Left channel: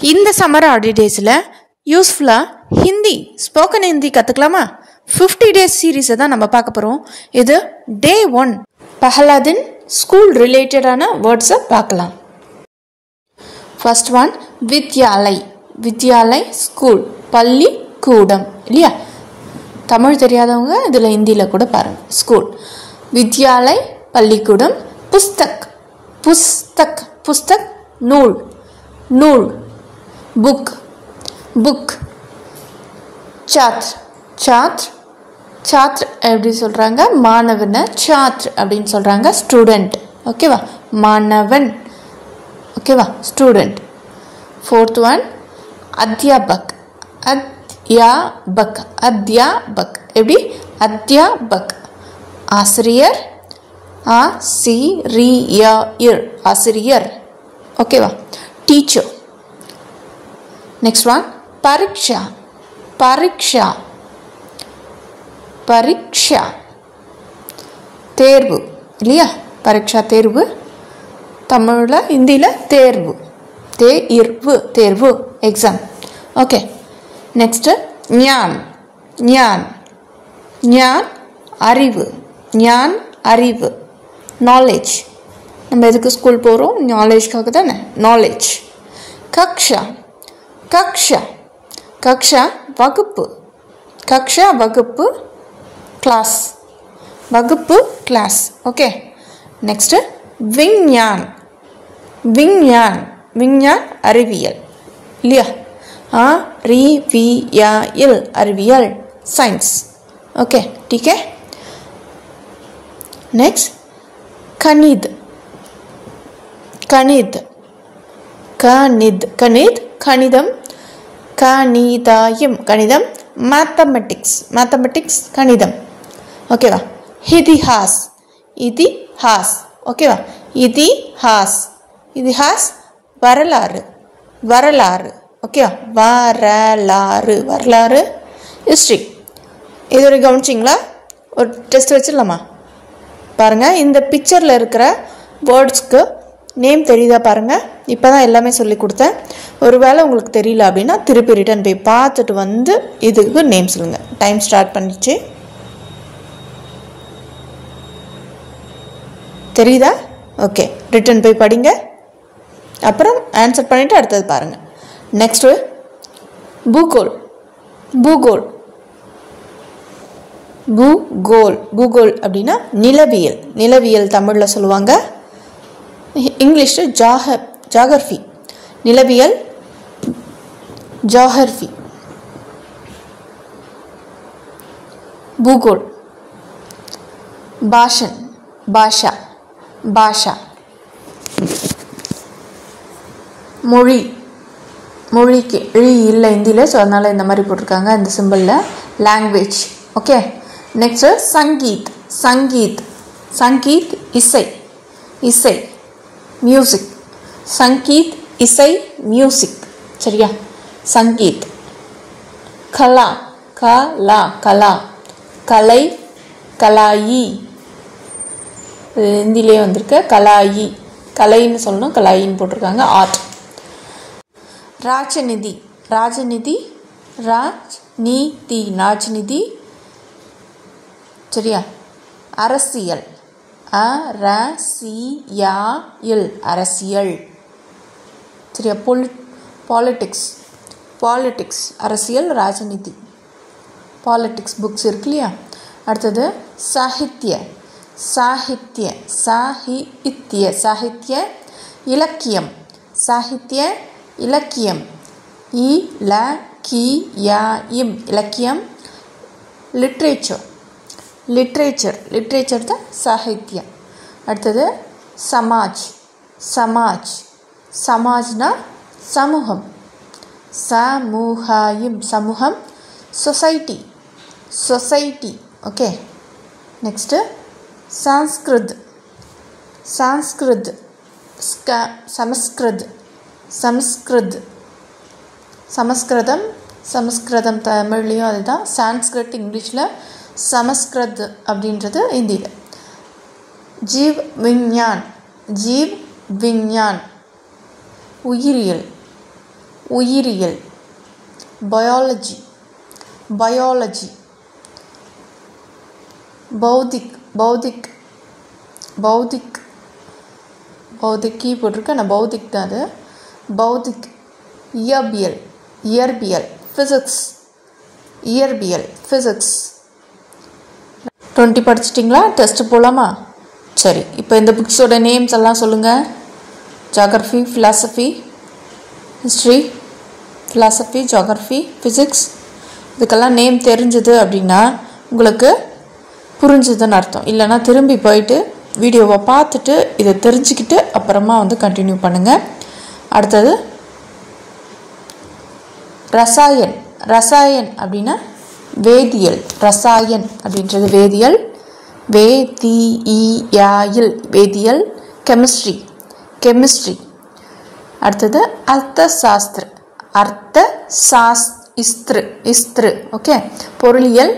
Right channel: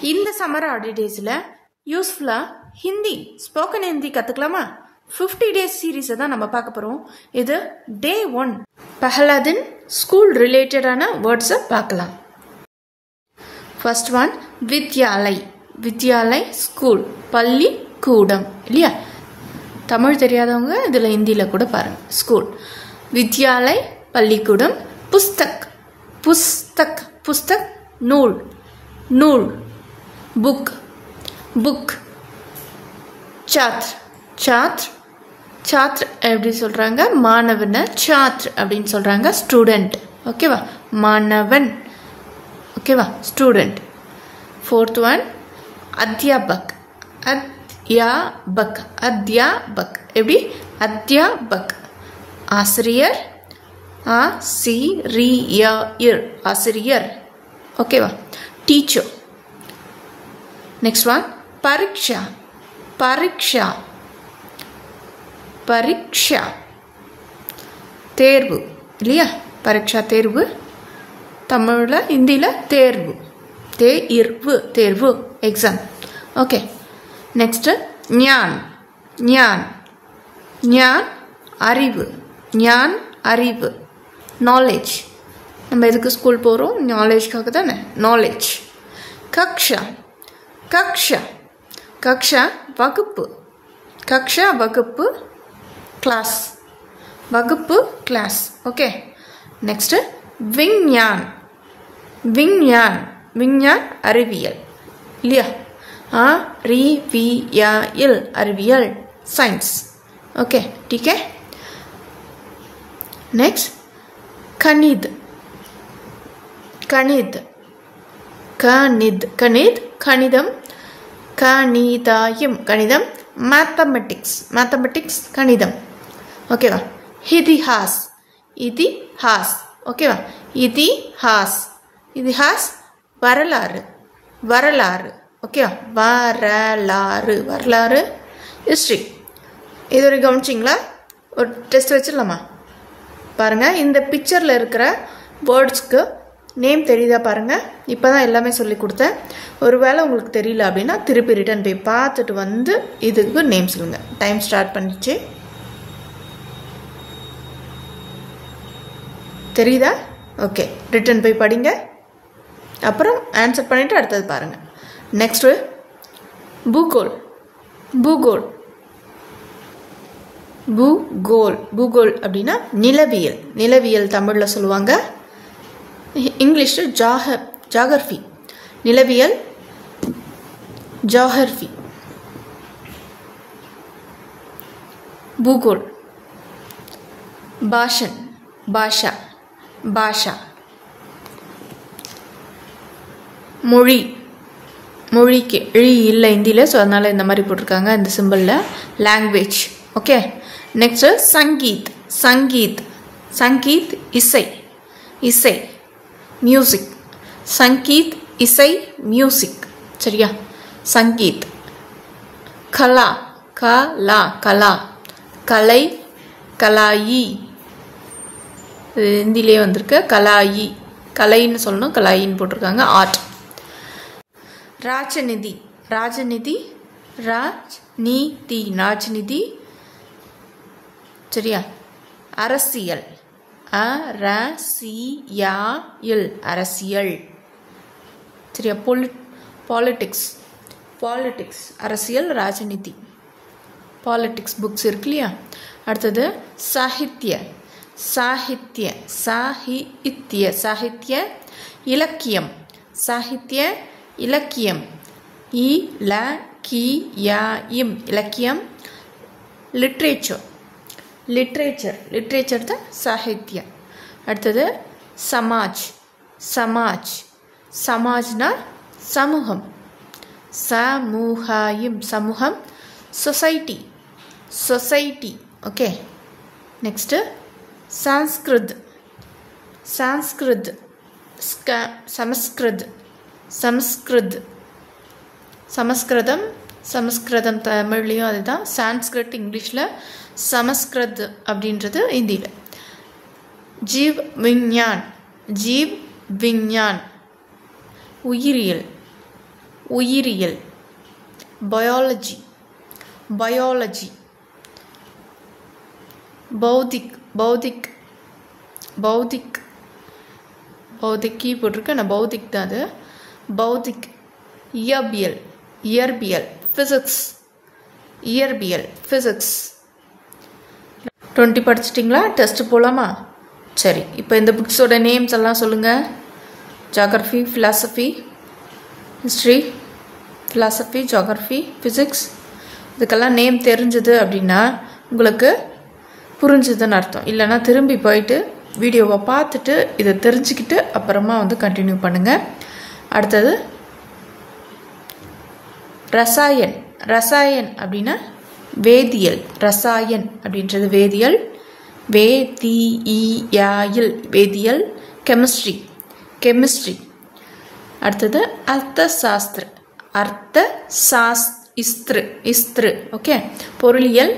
இந்த சம்மர் ஹாலிடேஸில் யூஸ்ஃபுல்லாக Hindi spoken Hindi கற்றுக்கலாமா? 50 days சீரீஸை தான் நம்ம பார்க்க போகிறோம். இது Day 1. பஹலாதின் ஸ்கூல் ரிலேட்டடான வேர்ட்ஸை பார்க்கலாம். ஃபர்ஸ்ட் ஒன் வித்யாலய். வித்யாலய் ஸ்கூல், பள்ளி கூடம் இல்லையா? தமிழ் தெரியாதவங்க இதில் ஹிந்தியில் கூட பாருங்கள். ஸ்கூல், வித்யாலய் பள்ளிக்கூடம். புஸ்தக், புஸ்தக் புஸ்தக் நூல், நூல். Book, book. சாத்ர், சாத்ர் சாத்ர் எப்படி சொல்கிறாங்க? மாணவனை சாத்ர் அப்படின்னு சொல்கிறாங்க. ஸ்டூடெண்ட், ஓகேவா? மாணவன், ஓகேவா? ஸ்டூடெண்ட். ஃபோர்த் ஒன் அத்தியாபக். அத்தியாபக், அத்தியாபக் எப்படி? அத்தியாபக் ஆசிரியர், ஆசிரியர், ஆசிரியர், ஓகேவா? டீச்சர். நெக்ஸ்ட் ஒன் பரீட்சா. பரீட்சா, பரீட்சா தேர்வு இல்லையா? பரீட்சா தேர்வு. தமிழில் ஹிந்தியில் தேர்வு, தேர்வு, தேர்வு எக்ஸாம். ஓகே. நெக்ஸ்ட்டு ஞான். ஞான், ஞான் அறிவு, ஞான் அறிவு. நாலேஜ், நம்ம எதுக்கு ஸ்கூல் போகிறோம்? நாலேஜ்க்காக தானே. நாலேஜ். கக்ஷா, கக்ஷா, கக்ஷா வகுப்பு. கக்ஷா வகுப்பு, கிளாஸ், வகுப்பு கிளாஸ். ஓகே. நெக்ஸ்ட்டு விஞ்ஞான். விஞ்ஞான், விஞ்ஞான் அறிவியல் இல்லையா? அறிவியல், அறிவியல் சயின்ஸ். ஓகே, டீக்கே. நெக்ஸ்ட் கணித். கணித், கணித், கணித் கணிதம். கணிதாயம் கணிதம். மேத்தமெட்டிக்ஸ், மேத்தமெட்டிக்ஸ் கணிதம், ஓகேவா? இதிஹாஸ், இதிஹாஸ், ஓகேவா? இதிஹாஸ், இதிஹாஸ் வரலாறு, வரலாறு, ஓகேவா? வரலாறு, வரலாறு. ஹிஸ்ட்ரி. இதுவரை கவனிச்சிங்களா? ஒரு டெஸ்ட் வச்சிடலாமா? பாருங்கள், இந்த பிக்சரில் இருக்கிற வேர்ட்ஸ்க்கு நேம் தெரியுதா பாருங்கள். இப்போ தான் எல்லாமே சொல்லி கொடுத்தேன். ஒரு வேளை உங்களுக்கு தெரியல அப்படின்னா திருப்பி ரிட்டன் போய் பார்த்துட்டு வந்து இதுக்கு நேம் சொல்லுங்கள். டைம் ஸ்டார்ட் பண்ணிச்சு. தெரியுதா? ஓகே, ரிட்டன் போய் படிங்க. அப்புறம் ஆன்சர் பண்ணிவிட்டு அடுத்தது பாருங்கள். நெக்ஸ்ட்டு பூகோல். பூகோல், பூகோல், பூகோல் அப்படின்னா நிலவியல். நிலவியல் தமிழில் சொல்லுவாங்க. இங்கிலீஷில் ஜாகிரஃபி. நிலவியல் ஜாகிரஃபி. பூகோல். பாஷன், பாஷா, பாஷா. மொழி, மொழிக்கு ழி இல்லை ஹிந்தியில், ஸோ அதனால் இந்த மாதிரி போட்டிருக்காங்க இந்த சிம்பிளில். Language, okay. நெக்ஸ்ட்டு சங்கீத். சங்கீத், சங்கீத் இசை, இசை மியூசிக். சங்கீத் இசை, மியூசிக், சரியா? சங்கீத். கலா, கலா, கலா கலை, கலாயி. ஹிந்திலே வந்திருக்கு கலாயி. கலைன்னு சொல்லணும், கலாயின்னு போட்டிருக்காங்க. ஆர்ட். ராஜநிதி. ராஜநிதி, ராஜ்நிதி, ராஜ்நிதி, சரியா? அரசியல். அரசியல், அரசியல், சரியா? பாலிட்டிக்ஸ், பாலிட்டிக்ஸ் அரசியல், ராஜநிதி. பாலிட்டிக்ஸ் புக்ஸ் இருக்கு இல்லையா? அடுத்தது சாகித்ய. சாகித்ய, சாகித்ய, சாகித்ய. இலக்கியம். சாகித்ய, இலக்கியம். இலக்கியம், இலக்கியம். லிட்ரேச்சர். லிட்ரேச்சர், லிட்ரேச்சர் தான் சாகித்யம். அடுத்தது சமாஜ். சமாஜ், சமாஜ்னா சமூகம். சமூகாயம், சமூகம். Society, society, okay. Next Sanskrit. Sanskrit, Sanskrit, Sanskrit, சமஸ்கிருதம். சமஸ்கிருதம் தமிழ்லேயும் அதுதான். சான்ஸ்கிருத் இங்கிலீஷில், சமஸ்கிருத் அப்படின்றது ஹிந்தியில். ஜீவ் விஞ்ஞான். ஜீவ் விஞ்ஞான் உயிரியல். உயிரியல். Biology biology. பௌதிக் பௌதிக் பௌதிக் பௌதிக்கி போட்டிருக்க, நான் பௌதிக் தான் அது. பௌதிக். இயற்பியல் இயற்பியல். ஃபிசிக்ஸ் இயற்பியல் ஃபிசிக்ஸ். 20 படிச்சிட்டிங்களா? டெஸ்ட் போகலாமா? சரி, இப்போ இந்த புக்ஸோட நேம்ஸ் எல்லாம் சொல்லுங்கள். Geography, philosophy, history, philosophy, geography, physics. இதுக்கெல்லாம் நேம் தெரிஞ்சது அப்படின்னா உங்களுக்கு புரிஞ்சுதுன்னு அர்த்தம். இல்லைனா திரும்பி போயிட்டு வீடியோவை பார்த்துட்டு இதை தெரிஞ்சுக்கிட்டு அப்புறமா வந்து கண்டினியூ பண்ணுங்கள். அடுத்தது ரசாயன். ரசாயன் அப்படின்னா வேதியியல். ரசாயன் அப்படின்றது வேதியியல். வேதியியல் வேதியியல். Chemistry chemistry. அடுத்தது அர்த்த சாஸ்திர. அர்த்த சாஸ்திர இஸ்திரு. ஓகே. பொருளியல்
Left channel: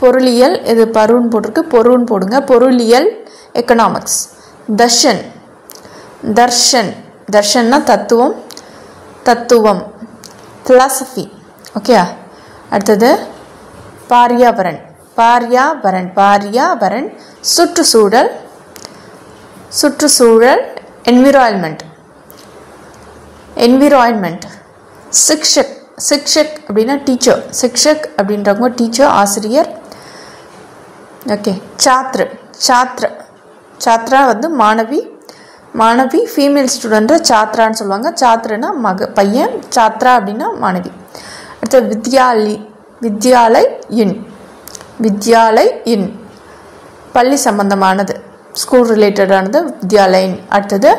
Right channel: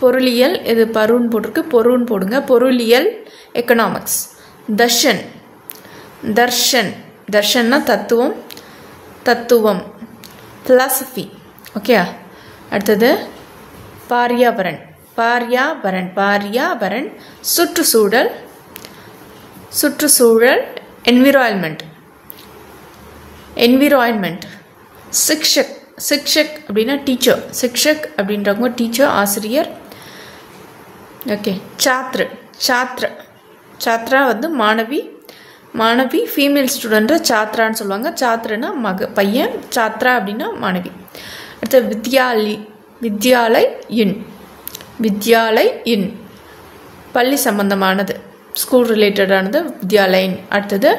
பொருளியல். இது பருன்னு போட்டிருக்கு, பொருன்னு போடுங்க. பொருளியல். எக்கனாமிக்ஸ். தர்ஷன் தர்ஷன். தர்ஷன்னா தத்துவம் தத்துவம். ஃபிலாசபி. ஓகே. அடுத்தது பாரியாபரன். பாரியாபரன் பாரியாபரன். சுற்றுச்சூழல் சுற்றுச்சூழல். Environment environment. சிக்ஷக். சிக்ஷக் அப்படின்னா டீச்சர். சிக்ஷக் அப்படின்றவங்க டீச்சர், ஆசிரியர். ஓகே. சாத்ரு. சாத்ர. சாத்ரா வந்து மாணவி. மாணவி ஃபீமேல் ஸ்டூடெண்ட்டை சாத்ரான்னு சொல்லுவாங்க. சாத்ரனா பையன், சாத்ரா அப்படின்னா மாணவி. அடுத்தது வித்யாலி. வித்யாலய் இன். வித்யாலய் இன் பள்ளி சம்பந்தமானது, ஸ்கூல் ரிலேட்டடானது வித்யாலயின். அடுத்தது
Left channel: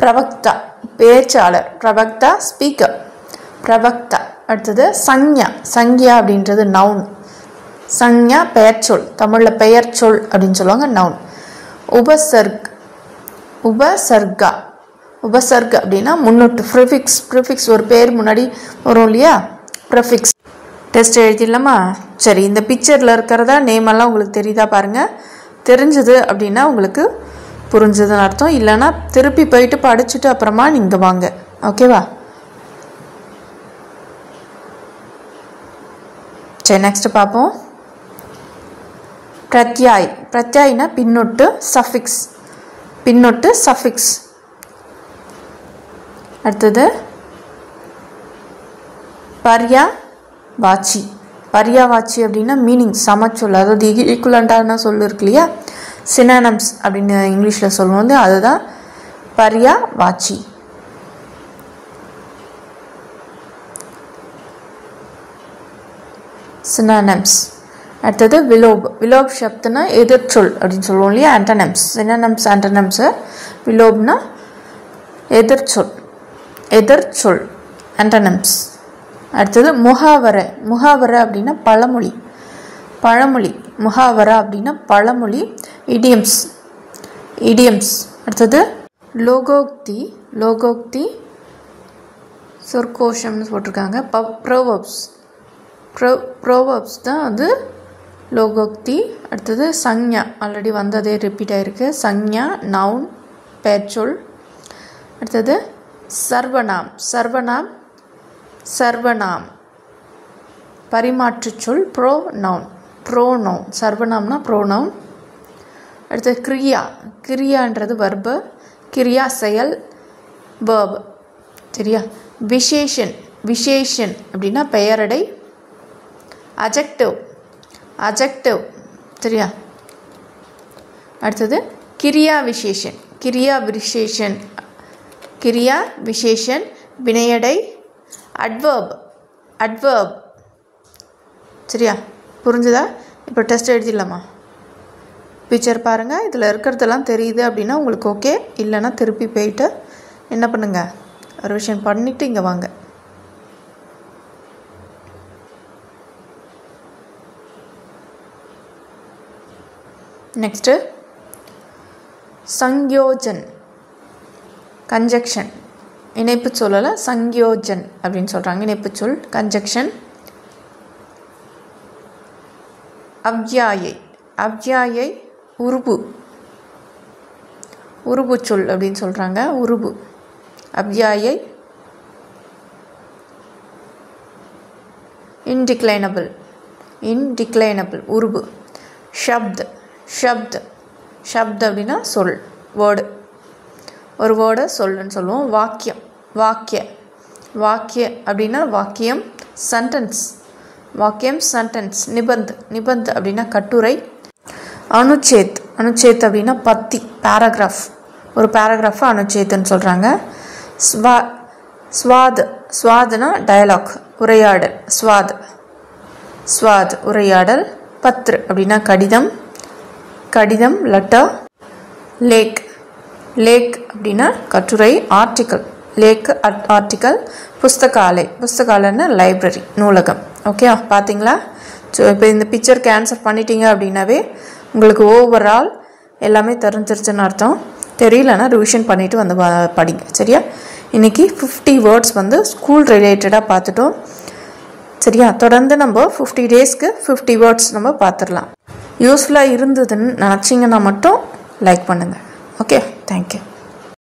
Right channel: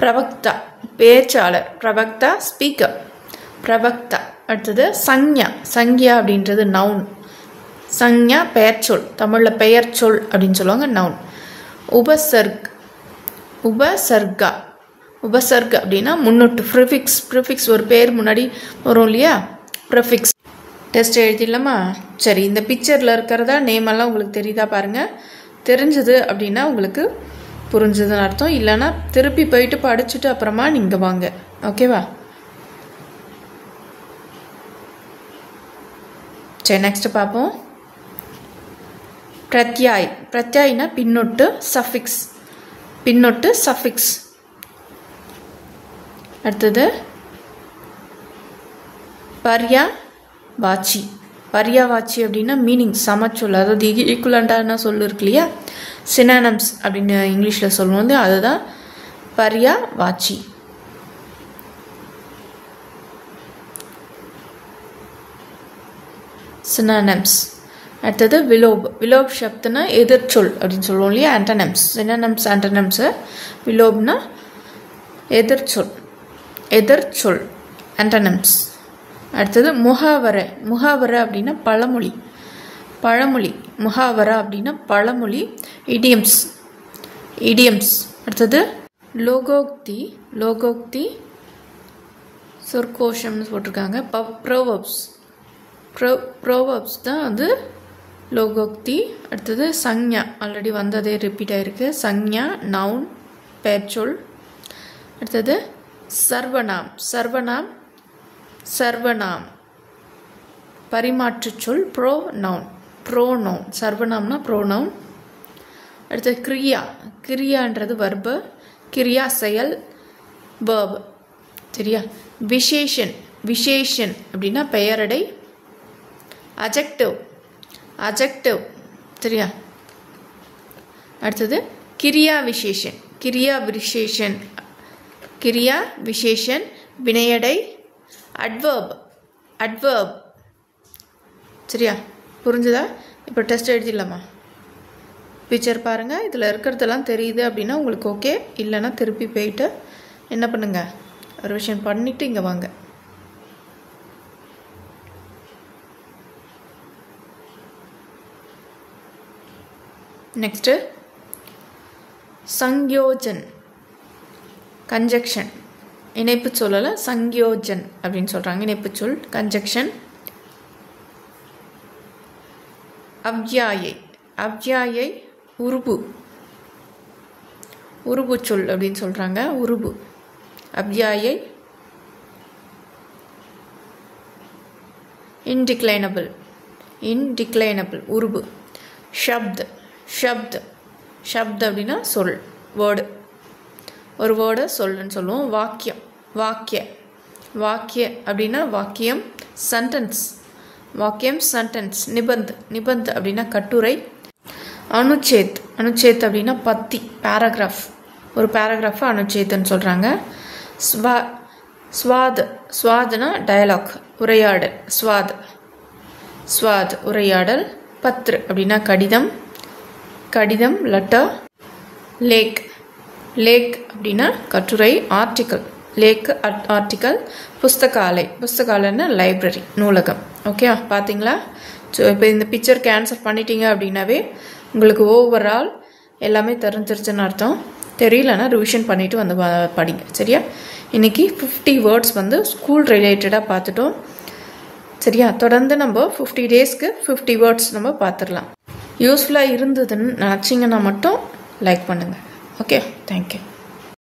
பிரவக்தா பேச்சாளர். பிரவக்தா ஸ்பீக்கர். பிரவக்தா. அடுத்தது சஞ்ஞா. சஞ்ஞா அப்படின்றது நவுன். சஞ்ஞா பெயர்ச்சொல். தமிழில் பெயர்ச்சொல் அப்படின்னு சொல்லுவாங்க, நவுன். உபசர்க். உபசர்கா. உபசர்க் அப்படின்னா முன்னொட்டு. ப்ரிஃபிக்ஸ். ப்ரிஃபிக்ஸ் ஒரு பேர் முன்னாடி வரும் இல்லையா, ப்ரிஃபிக்ஸ். டெஸ்ட் எழுதிடலாமா? சரி, இந்த பிக்சரில் இருக்கிறதா நேமெல்லாம் உங்களுக்கு தெரியுதா பாருங்கள். தெரிஞ்சது அப்படின்னா உங்களுக்கு புரிஞ்சதுன்னு அர்த்தம். இல்லைன்னா திருப்பி போயிட்டு படிச்சுட்டு அப்புறமா நீங்கள் வாங்க. ஓகேவா? சரி, நெக்ஸ்ட் பார்ப்போம். பிரத்யாய். பிரத்யாய்னா பின்னொட்டு, சஃபிக்ஸ். பின்னொட்டு, சஃபிக்ஸ். அடுத்தது பர்யாவாச்சி. பர்யாவாச்சி அப்படின்னா மீனிங், சமச்சொல். அதாவது ஈக்குவலண்டான சொல் இருக்கு இல்லையா, சினானம்ஸ் அப்படின்னு இங்கிலீஷில் சொல்லுவோம், அதுதான் பர்யாவாச்சி. சினானம்ஸ். அடுத்தது விலோப். விலோப் சப்துனா எதிர்ச்சொல் அப்படின்னு சொல்லுவோம் இல்லையா, ஆண்டனம்ஸ். சினானம்ஸ் ஆண்டனம்ஸு. விலோப்னா எதிர்ச்சொல். எதிர்ச்சொல், ஆண்டனம்ஸ். அடுத்தது முகாவரை. முகாவரை அப்படின்னா பழமொழி. பழமொழி. முகாவரா அப்படின்னா பழமொழி. இடியம்ஸ். இடியம்ஸ். அடுத்தது லோகோக்தி. லோகோக்தி சொற்கோஷம்னு போட்டிருக்காங்க. ப்ரோவர்ப்ஸ். ப்ரோவர்ப்ஸ் தான் வந்து லோகோக்தி. அடுத்தது சஞ்ஞா. ஆல்ரெடி வந்ததே ரிப்பீட் ஆகிருக்கு. சஞ்ஞா நவுன், பெயர்ச்சொல். அடுத்தது சர்வநாம். சர்வநாம். சர்வநாம் பரிமாற்றுச் சொல், ப்ரோ நவுன். Pronoun. சர்வநாம்னா ப்ரோ நவுன். அடுத்தது கிரியா. கிரியான்றது வர்பு. கிரியா செயல், வேர்ப். சரியா? விசேஷன். விசேஷன் அப்படின்னா பெயரடை. அஜெக்டிவ். அஜெக்டிவ். சரியா? அடுத்தது கிரியா விசேஷன். கிரியா விசேஷன். கிரியா விசேஷன் வினையடை. அட்வர்ப். அட்வர்ப். சரியா? புரிஞ்சுதா? இப்போ டெஸ்ட் எழுதிடலாமா? பிக்சர் பாருங்கள். இதில் இருக்கிறதெல்லாம் தெரியுது அப்படின்னா உங்களுக்கு ஓகே. இல்லைன்னா திருப்பி போயிட்டு என்ன பண்ணுங்கள், ரிவிஷன் பண்ணிவிட்டு இங்கே வாங்க. நெக்ஸ்ட்டு சங்யோஜன். கன்ஜக்ஷன். இணைப்பு சொல்லலை, சங்யோஜன் அப்படின்னு சொல்கிறாங்க. இணைப்பு சொல், கன்ஜக்ஷன். அவ்யாயை. அவ்யாயை உருபு. உருபு சொல் அப்படின்னு சொல்கிறாங்க. உருபு. அவ்யாயை indeclinable indeclinable உருபு. ஷப்த் ஷப்த் ஷப்த் அப்படின்னா சொல் வேர்டு, ஒரு வேர்டை சொல்லுன்னு சொல்லுவோம். வாக்கியம் வாக்கிய வாக்கிய அப்படின்னா வாக்கியம். சென்டென்ஸ் வாக்கியம் சென்டென்ஸ். நிபந்த் நிபந்த் அப்படின்னா கட்டுரை. அனுச்சேத் அனுச்சேத் அப்படின்னா பத்தி பேராகிராஃப், ஒரு பேராகிராஃபை அனுச்சேத்துன்னு சொல்கிறாங்க. ஸ்வாத் ஸ்வாத்னா டயலாக் உரையாடல். ஸ்வாத் உரையாடல். பத்ரு அப்படின்னா கடிதம் கடிதம் லெட்டர். லேக் லேக் அப்படின்னா கட்டுரை ஆர்டிக்கல். லேக் ஆர்டிக்கல். புஸ்தகாலயன்னா லைப்ரரி நூலகம். ஓகே பார்த்தீங்களா? ஸோ இப்போ இந்த பிக்சருக்கு ஆன்சர் பண்ணிட்டீங்க அப்படின்னாவே உங்களுக்கு ஓவரால் எல்லாமே தெரிஞ்சிருச்சுன்னு அர்த்தம். தெரியலன்னா ரிவிஷன் பண்ணிவிட்டு வந்து படிங்க. சரியா? இன்றைக்கி 50 வேர்ட்ஸ் வந்து ஸ்கூல் ரிலேட்டடாக பார்த்துட்டோம். சரியா? தொடர்ந்து நம்ம 50 டேஸ்க்கு 50 வேர்ட்ஸ் நம்ம பார்த்துடலாம். யூஸ்ஃபுல்லாக இருந்ததுன்னு நினச்சிங்கன்னா மட்டும் லைக் பண்ணுங்கள். Okay, thank you.